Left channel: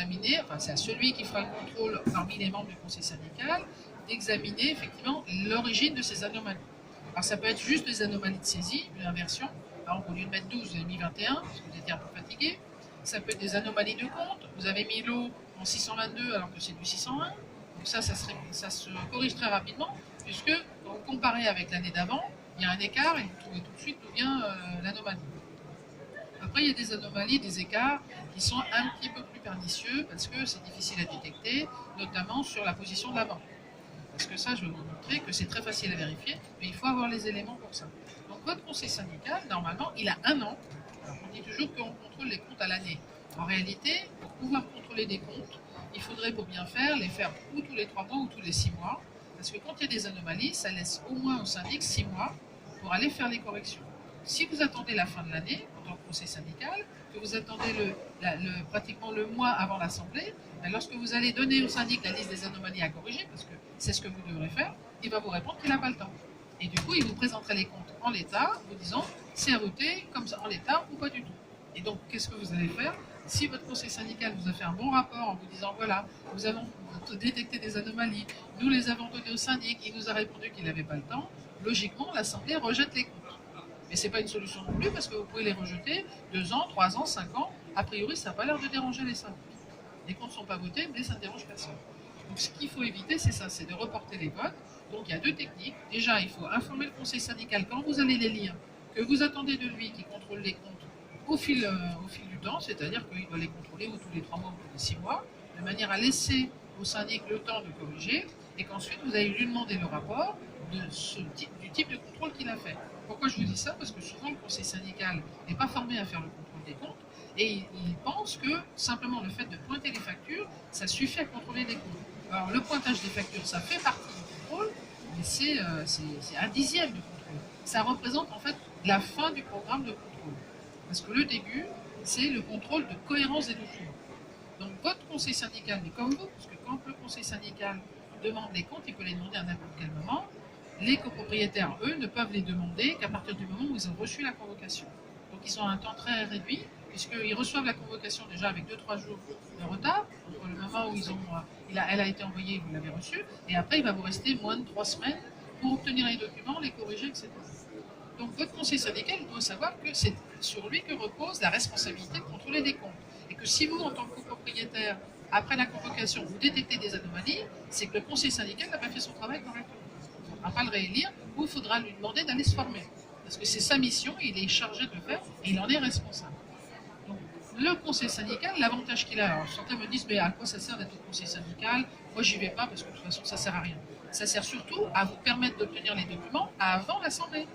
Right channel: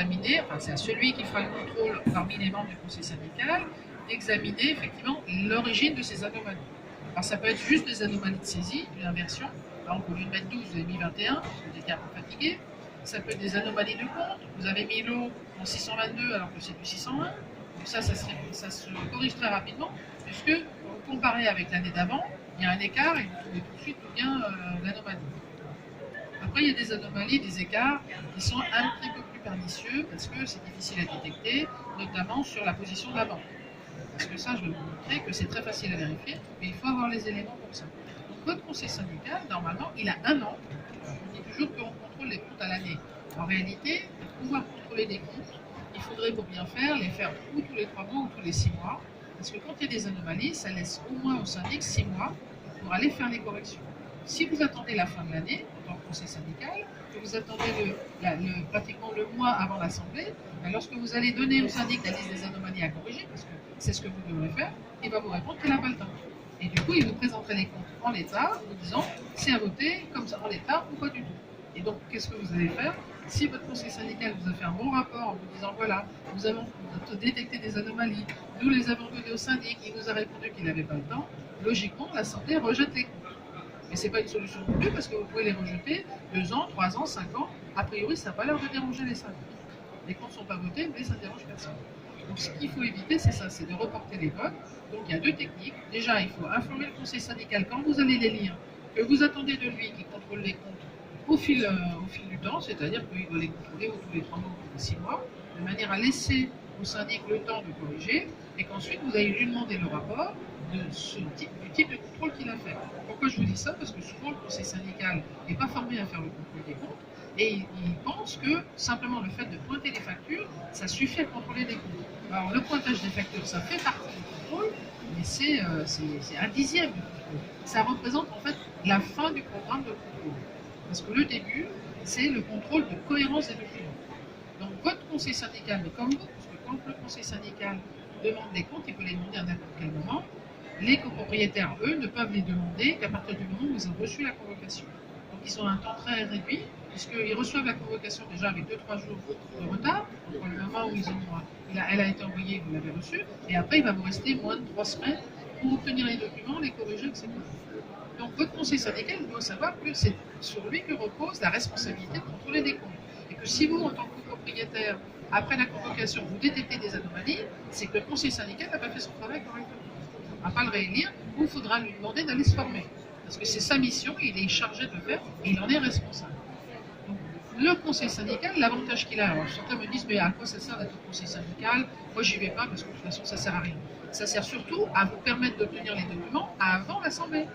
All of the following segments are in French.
d'examiner, enfin c'est à celui qui fera le contrôle parmi les membres du conseil syndical, d'examiner effectivement l'origine de ces anomalies. Alors ça peut être juste des anomalies de saisie, de l'inversion. Par exemple, au lieu de mettre 12, vous avez mis 21, parce que vous étiez un peu fatigué. Ça peut être des anomalies de compte. Vous avez mis l'eau en 622 alors que c'est du 601. Donc ça se corrige très rapidement, puisque quand vous comparez avec l'année d'avant, il y a un écart et vous trouvez tout de suite d'où vient l'anomalie. Après, il y a des anomalies, des écarts qui sont un petit peu plus pernicieux parce que c'est difficile à détecter, notamment sur la position de la banque. Parce que ça, je vais vous montrer que c'est très facile à vérifier, mais il faut avoir les éléments pour ça. Donc votre conseil syndical, normalement, il a 1 an. On dit toujours qu'on contrôle les comptes à l'année. En réalité, pour pouvoir contrôler des comptes, il faudrait pour bien faire, les faire ou tous les 3 mois ou tous les 6 mois. Parce que quand il y a des anomalies, ça laisse au moins au syndic 6 mois pour aller faire les corrections. Si vous attendez la fin de l'année, en tant que conseil syndical, que vous attendez pratiquement le mois avant l'Assemblée, lorsque vous allez donner au syndic la liste des anomalies à corriger, parce que c'est ce que vous devrez faire, il va vous répondre qu'il n'a pas le temps. Et du coup, il vous présenterait les comptes en l'état, vous disant c'est à voter comme ça en l'état ou pas du tout. Et donc, qu'est-ce que vous allez faire? Si votre conseil syndical vous a fait un bon rapport en vous disant voilà, nous avons détecté des anomalies, nous les avons données au syndic, il nous a répondu qu'il n'avait pas le temps, logiquement, l'Assemblée rejette les comptes. Mais ce n'est pas une solution non plus parce que vous pouvez les rejeter 2 ans, 3 ans, 5 ans. A priori, ça n'a pas l'air de déranger les syndics. Les comptes ne sont pas votés, mais ça ne dérange personne. Donc ce qu'il faut éviter, c'est ça, c'est de reporter les votes. Donc il y a 2 techniques. Déjà, il faut informer le conseil syndical quand vous allez les lire, que vous attendez de lui qui contrôle les comptes au fil du temps, c'est-à-dire qu'il doit les contrôler ou tous les 3 mois ou tous les 6 mois, de manière à laisser au syndic le temps de corriger, et qu'ensuite vous allez lui demander le rapport du type de contrôle qu'il a fait. Pourquoi je vous dis ça? Parce que souvent le conseil syndical n'est pas formé à faire le contrôle des comptes, et il pense que simplement le fait de pointer les factures, ça suffit à contrôler les comptes. Alors le pointage des factures, ça fait partie du contrôle, mais c'est 1/10 du contrôle. Ça représente en fait la fin du programme de contrôle. Parce que le début, c'est le contrôle de cohérence des documents. Donc votre conseil syndical, mais comme vous, parce que quand le conseil syndical demande des comptes, il peut les demander à n'importe quel moment. Les copropriétaires, eux, ne peuvent les demander qu'à partir du moment où ils ont reçu la convocation. Donc ils ont un temps très réduit, puisqu'ils reçoivent la convocation déjà avec 2-3 jours de retard, entre le moment où elle a été envoyée, vous l'avez reçue, et après il va vous rester moins de 3 semaines pour obtenir les documents, les corriger, etc. Donc votre conseil syndical doit savoir que c'est sur lui que repose la responsabilité de contrôler des comptes. Et que si vous, en tant que copropriétaire, après la convocation, vous détectez des anomalies, c'est que le conseil syndical n'a pas fait son travail correctement. On ne va pas le réélire, ou il faudra lui demander d'aller se former. Parce que c'est sa mission, il est chargé de le faire, et il en est responsable. Donc, le conseil syndical, l'avantage qu'il a, alors certains me disent, mais à quoi ça sert d'être au conseil syndical? Moi, j'y vais pas, parce que de toute façon, ça sert à rien. Ça sert surtout à vous permettre d'obtenir les documents avant l'Assemblée.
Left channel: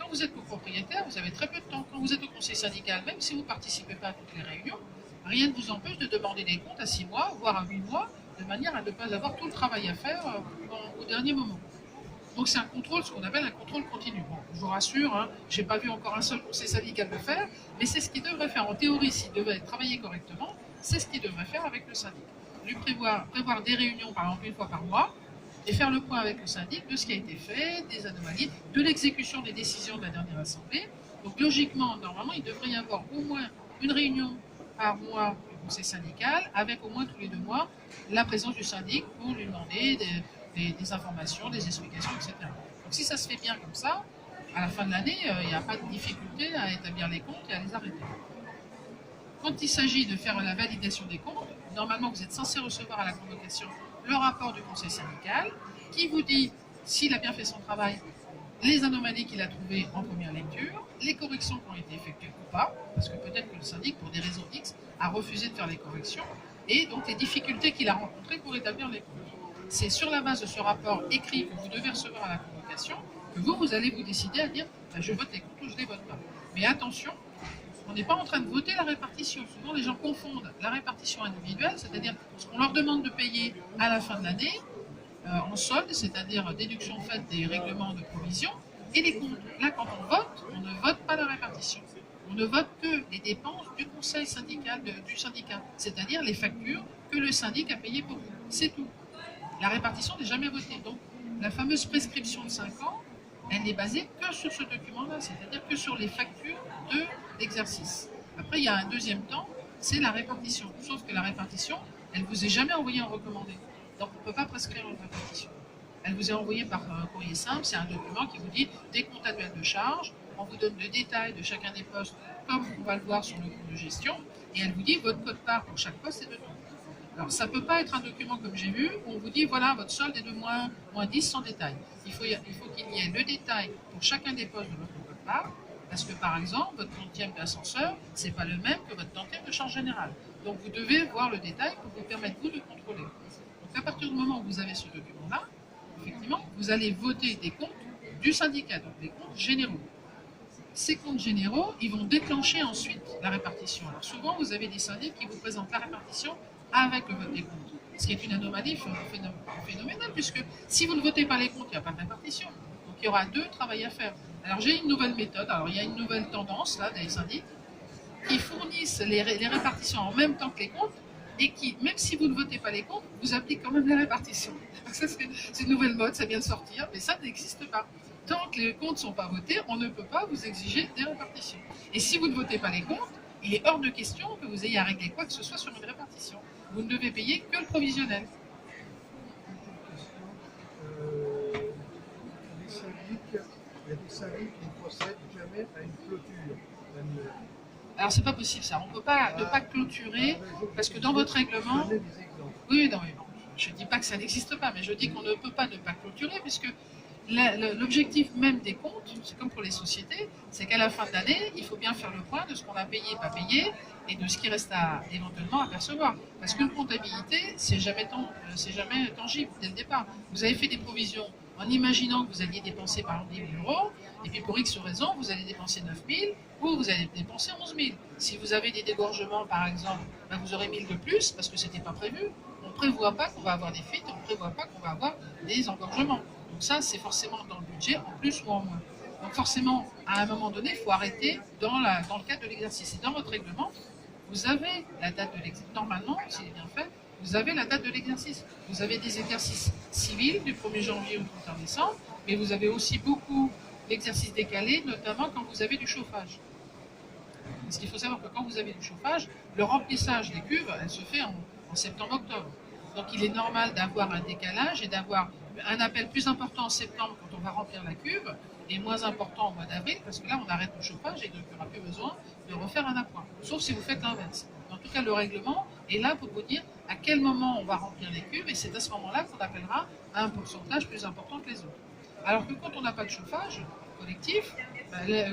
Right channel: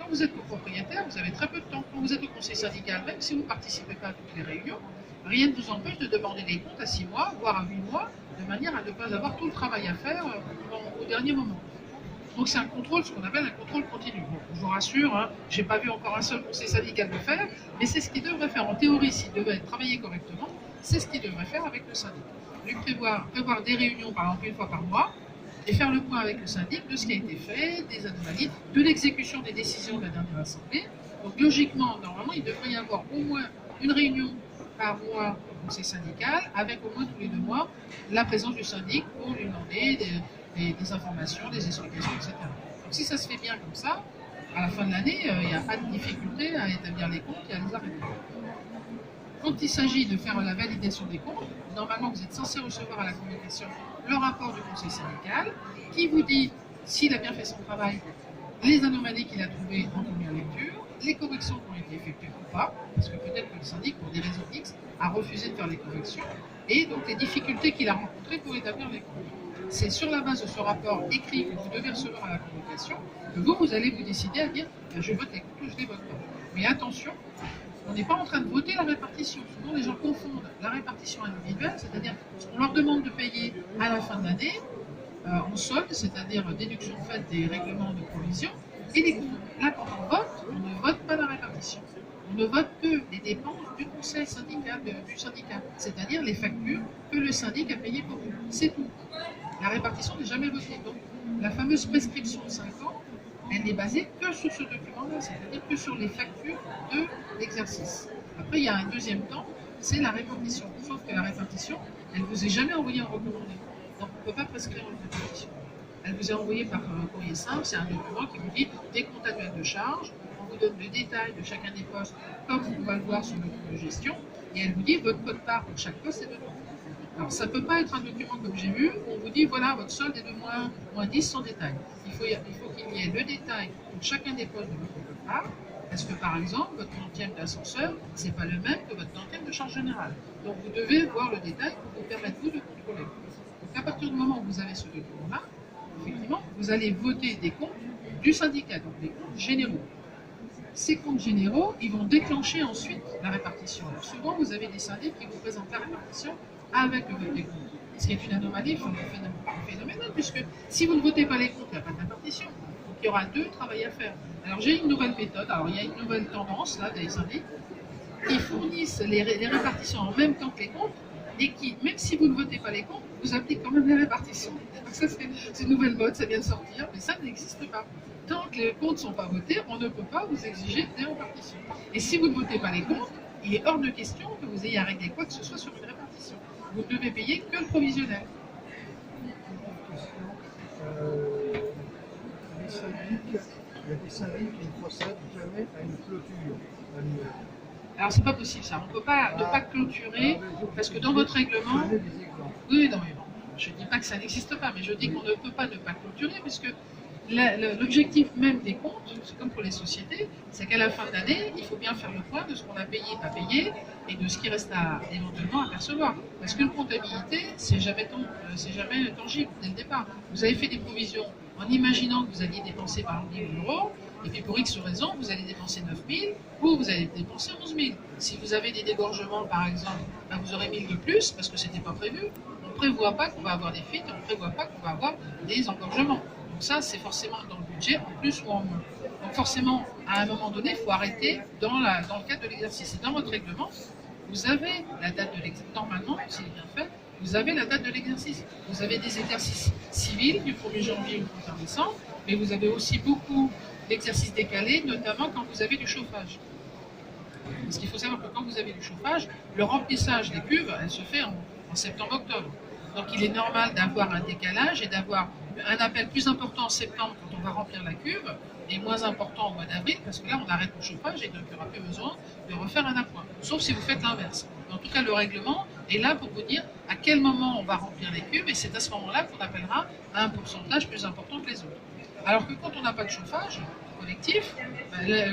Quand vous êtes copropriétaire, vous avez très peu de temps. Quand vous êtes au conseil syndical, même si vous ne participez pas à toutes les réunions, rien ne vous empêche de demander des comptes à 6 mois, voire à 8 mois, de manière à ne pas avoir tout le travail à faire au dernier moment. Donc c'est un contrôle, ce qu'on appelle un contrôle continu. Bon, je vous rassure, hein, je n'ai pas vu encore un seul conseil syndical le faire, mais c'est ce qu'il devrait faire. En théorie, s'il devait travailler correctement, c'est ce qu'il devrait faire avec le syndic. Lui prévoir des réunions, par exemple, 1 fois par mois, et faire le point avec le syndic de ce qui a été fait, des anomalies, de l'exécution des décisions de la dernière assemblée. Donc logiquement, normalement, il devrait y avoir au moins une réunion par mois au conseil syndical, avec au moins tous les 2 mois la présence du syndic pour lui demander des informations, des explications, etc. Donc si ça se fait bien comme ça, à la fin de l'année, il n'y a pas de difficulté à établir les comptes et à les arrêter. Quand il s'agit de faire la validation des comptes, normalement vous êtes censé recevoir à la convocation le rapport du conseil syndical qui vous dit s'il a bien fait son travail, les anomalies qu'il a trouvées en première lecture, les corrections qui ont été effectuées ou pas, parce que peut-être que le syndic, pour des raisons X, a refusé de faire les corrections, et donc les difficultés qu'il a rencontrées pour établir les comptes. C'est sur la base de ce rapport écrit que vous devez recevoir à la convocation que vous allez vous décider à dire je vote les comptes ou je ne les vote pas. Mais attention, on n'est pas en train de voter la répartition. Souvent, les gens confondent la répartition individuelle, c'est-à-dire ce qu'on leur demande de payer à la fin de l'année, en solde, c'est-à-dire déduction faite des règlements de provision, et les comptes. Là, quand on vote, on ne vote pas la répartition. On ne vote que les dépenses du conseil syndical, du syndicat, c'est-à-dire les factures que le syndic a payées pour vous. C'est tout. La répartition n'est jamais votée. Donc, la fameuse prescription de 5 ans, elle n'est basée que sur ce document-là, c'est-à-dire que sur les factures de l'exercice. Après, il y a un deuxième temps, c'est la répartition. Sauf que la répartition, elle ne vous est jamais envoyée en recommandé. Donc on ne peut pas prescrire une répartition. Elle vous est envoyée par un courrier simple, c'est un document qui vous dit des comptes annuels de charges, on vous donne le détail de chacun des postes, comme on va le voir sur le compte de gestion, et elle vous dit votre code part pour chaque poste est de 2. Alors ça ne peut pas être un document comme j'ai vu, où on vous dit voilà, votre solde est de moins 10 sans détail. Il faut qu'il y ait le détail pour chacun des postes de votre code part, parce que par exemple, votre tantième d'ascenseur, ce n'est pas le même que votre tantième de charge générale. Donc vous devez voir le détail pour vous permettre vous de contrôler. Donc à partir du moment où vous avez ce document-là, effectivement, vous allez voter des comptes du syndicat, donc des comptes généraux. Ces comptes généraux, ils vont déclencher ensuite la répartition. Alors souvent, vous avez des syndics qui vous présentent la répartition avec le vote des comptes, ce qui est une anomalie phénoménale, puisque si vous ne votez pas les comptes, il n'y a pas de répartition. Donc il y aura 2 travail à faire. Alors j'ai une nouvelle méthode, alors il y a une nouvelle tendance là des syndics qui fournissent les répartitions en même temps que les comptes, et qui, même si vous ne votez pas les comptes, vous appliquent quand même les répartitions. Ça, c'est une nouvelle mode, ça vient de sortir, mais ça n'existe pas. Tant que les comptes ne sont pas votés, on ne peut pas vous exiger des répartitions. Et si vous ne votez pas les comptes, il est hors de question que vous ayez à régler quoi que ce soit sur une répartition. Vous ne devez payer que le provisionnel. Il y a des syndics qui ne procèdent jamais à une clôture annuelle. Alors c'est pas possible ça, on ne peut pas ne pas clôturer, parce que dans votre règlement... Oui, non, mais non. Je ne dis pas que ça n'existe pas, mais je dis qu'on ne peut pas ne pas clôturer, parce que l'objectif même des comptes, c'est comme pour les sociétés, c'est qu'à la fin de l'année, il faut bien faire le point de ce qu'on a payé, pas payé, et de ce qui reste éventuellement à percevoir. Parce qu'une comptabilité, c'est jamais tangible dès le départ. Vous avez fait des provisions en imaginant que vous alliez dépenser par exemple 10 000 €, et puis pour X raison, vous allez dépenser 9 000 ou vous allez dépenser 11 000. Si vous avez des dégorgements par exemple, ben vous aurez 1 000 de plus parce que ce n'était pas prévu. On ne prévoit pas qu'on va avoir des fuites, on ne prévoit pas qu'on va avoir des engorgements. Donc ça, c'est forcément dans le budget, en plus ou en moins. Donc forcément, à un moment donné, il faut arrêter dans le cadre de l'exercice. Et dans votre règlement, vous avez la date de l'exercice. Normalement, c'est bien fait, vous avez la date de l'exercice. Vous avez des exercices civils du 1er janvier au 31 décembre, mais vous avez aussi beaucoup d'exercices décalés, notamment quand vous avez du chauffage. Parce qu'il faut savoir que quand vous avez du chauffage, le remplissage des cuves, elle se fait en septembre-octobre. Donc il est normal d'avoir un décalage et d'avoir un appel plus important en septembre quand on va remplir la cuve et moins important au mois d'avril parce que là on arrête le chauffage et donc il n'y aura plus besoin de refaire un appoint. Sauf si vous faites l'inverse. En tout cas le règlement est là pour vous dire à quel moment on va remplir les cuves et c'est à ce moment-là qu'on appellera à un pourcentage plus important que les autres. Alors que quand on n'a pas de chauffage collectif,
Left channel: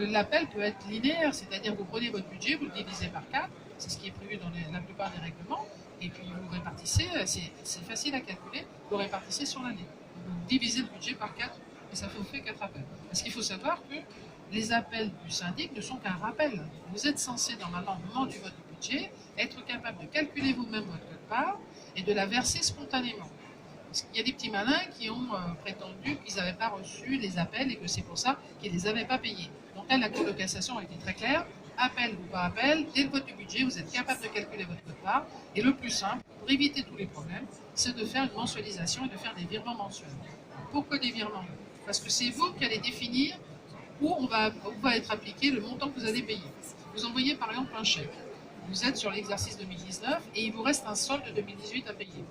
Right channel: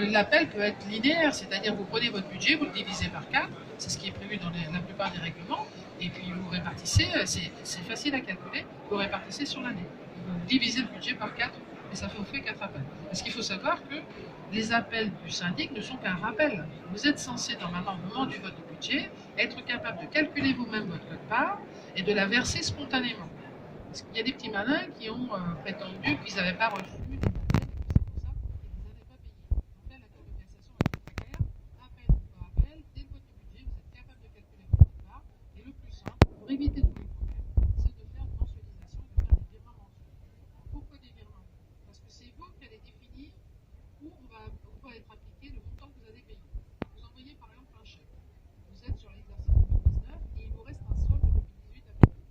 l'appel peut être linéaire, c'est-à-dire vous prenez votre budget, vous le divisez par 4, c'est ce qui est prévu dans la plupart des règlements, et puis vous répartissez, c'est facile à calculer, vous répartissez sur l'année. Vous divisez le budget par 4, et ça vous fait 4 appels. Parce qu'il faut savoir que les appels du syndic ne sont qu'un rappel. Vous êtes censé, normalement, au moment du vote du budget, être capable de calculer vous-même votre quote-part et de la verser spontanément. Parce qu'il y a des petits malins qui ont prétendu qu'ils n'avaient pas reçu les appels et que c'est pour ça qu'ils ne les avaient pas payés. Donc là, la Cour de cassation a été très claire. Appel ou pas appel, dès le vote du budget, vous êtes capable de calculer votre quote-part. Et le plus simple, pour éviter tous les problèmes, c'est de faire une mensualisation et de faire des virements mensuels. Pourquoi des virements? Parce que c'est vous qui allez définir où va être appliqué le montant que vous allez payer. Vous envoyez par exemple un chèque. Vous êtes sur l'exercice 2019 et il vous reste un solde 2018 à payer.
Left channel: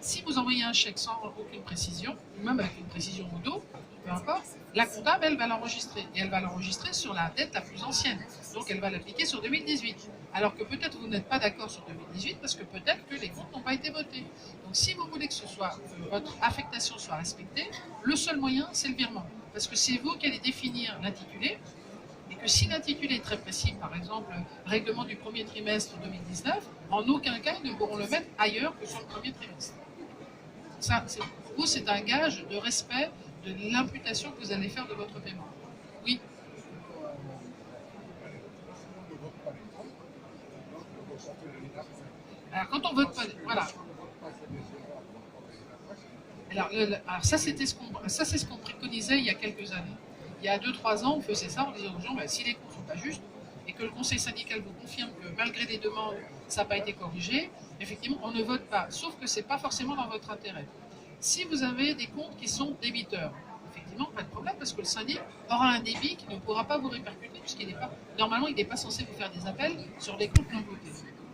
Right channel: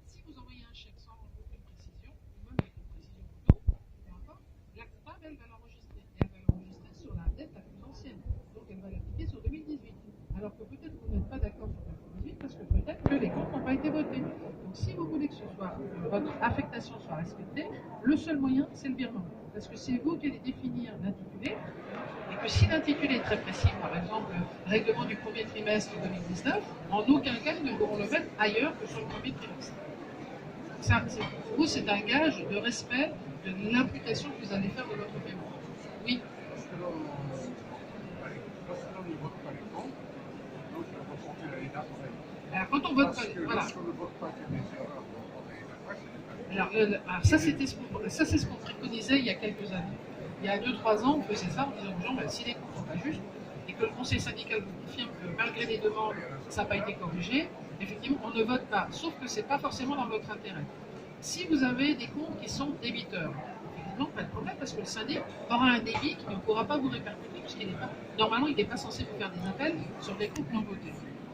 Si vous envoyez un chèque sans aucune précision, ou même avec une précision au dos, peu importe, la comptable, elle va l'enregistrer. Et elle va l'enregistrer sur la dette la plus ancienne. Donc elle va l'appliquer sur 2018. Alors que peut-être vous n'êtes pas d'accord sur 2018 parce que peut-être que les comptes n'ont pas été votés. Donc si vous voulez que votre affectation soit respectée, le seul moyen, c'est le virement. Parce que c'est vous qui allez définir l'intitulé. Et que si l'intitulé est très précis, par exemple, règlement du premier trimestre 2019, en aucun cas, ils ne pourront le mettre ailleurs que sur le premier trimestre. Ça, pour vous, c'est un gage de respect de l'imputation que vous allez faire de votre paiement. Oui. Alors quand on vote pas, voilà. Alors ça, c'est ce qu'on préconisait il y a quelques années. Il y a 2-3 ans, on faisait ça en disant aux gens, si les comptes ne sont pas justes et que le conseil syndical vous confirme que malgré les demandes, ça n'a pas été corrigé, effectivement, on ne vote pas. Sauf que ce n'est pas forcément dans votre intérêt. Si vous avez des comptes qui sont débiteurs, effectivement, pas de problème parce que le syndic aura un débit qui ne pourra pas vous répercuter puisqu'il n'est pas, normalement, il n'est pas censé vous faire des appels sur des comptes non votés.